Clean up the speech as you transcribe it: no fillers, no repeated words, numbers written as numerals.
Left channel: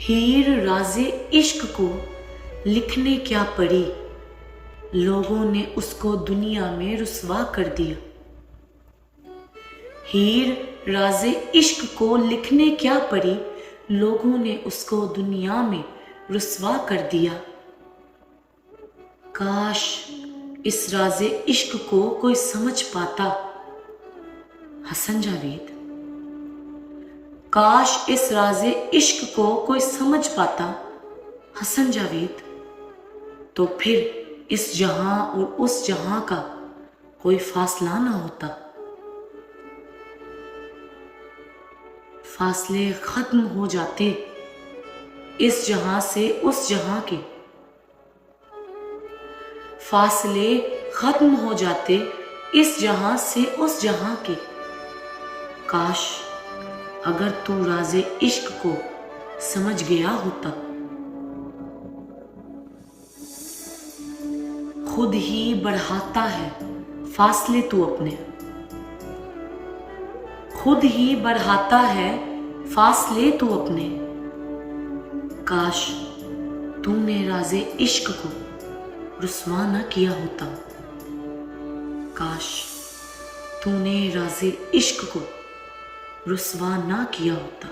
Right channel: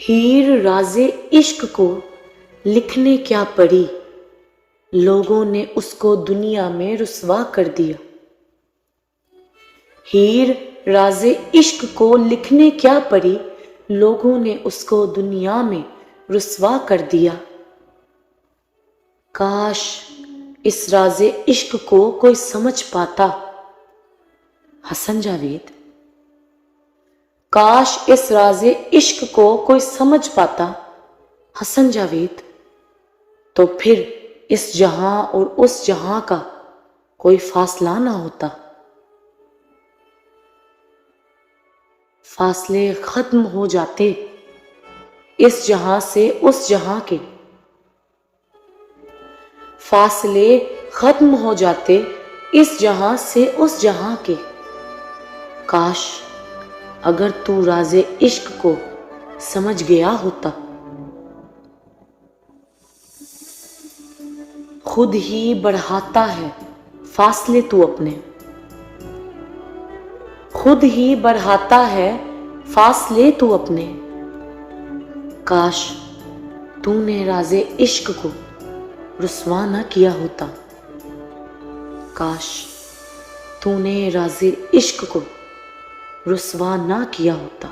हीर राज़े इश्क को लिखने क्या पड़ी, लोगों ने उसको दुनिया में रुसवा कर दिया। हीर राज़े इश्क को लिखने क्या पड़ी, लोगों ने उसको दुनिया में रुसवा कर दिया। काश इस राज़े इश्क को कोई समझ पाता, हसन जावेद। काश इस राज़े इश्क को कोई समझ पाता, हसन जावेद, तो फिर इस जहां और उस जहां का कोई फासला ना होता। फासले खत्म हो जाते इस जहां से उस जहां के, फासले खत्म हो जाते इस जहां से उस जहां के। काश अगर तू राज़े इश्क को समझ गया होता। खुद ही बढ़ाता है फासले तू अपने, खुद ही बढ़ाता है फासले तू अपने। काश तूने राज़े इश्क को रुसवा न किया होता। काश तूने राज़े इश्क को रुसवा ना किया होता।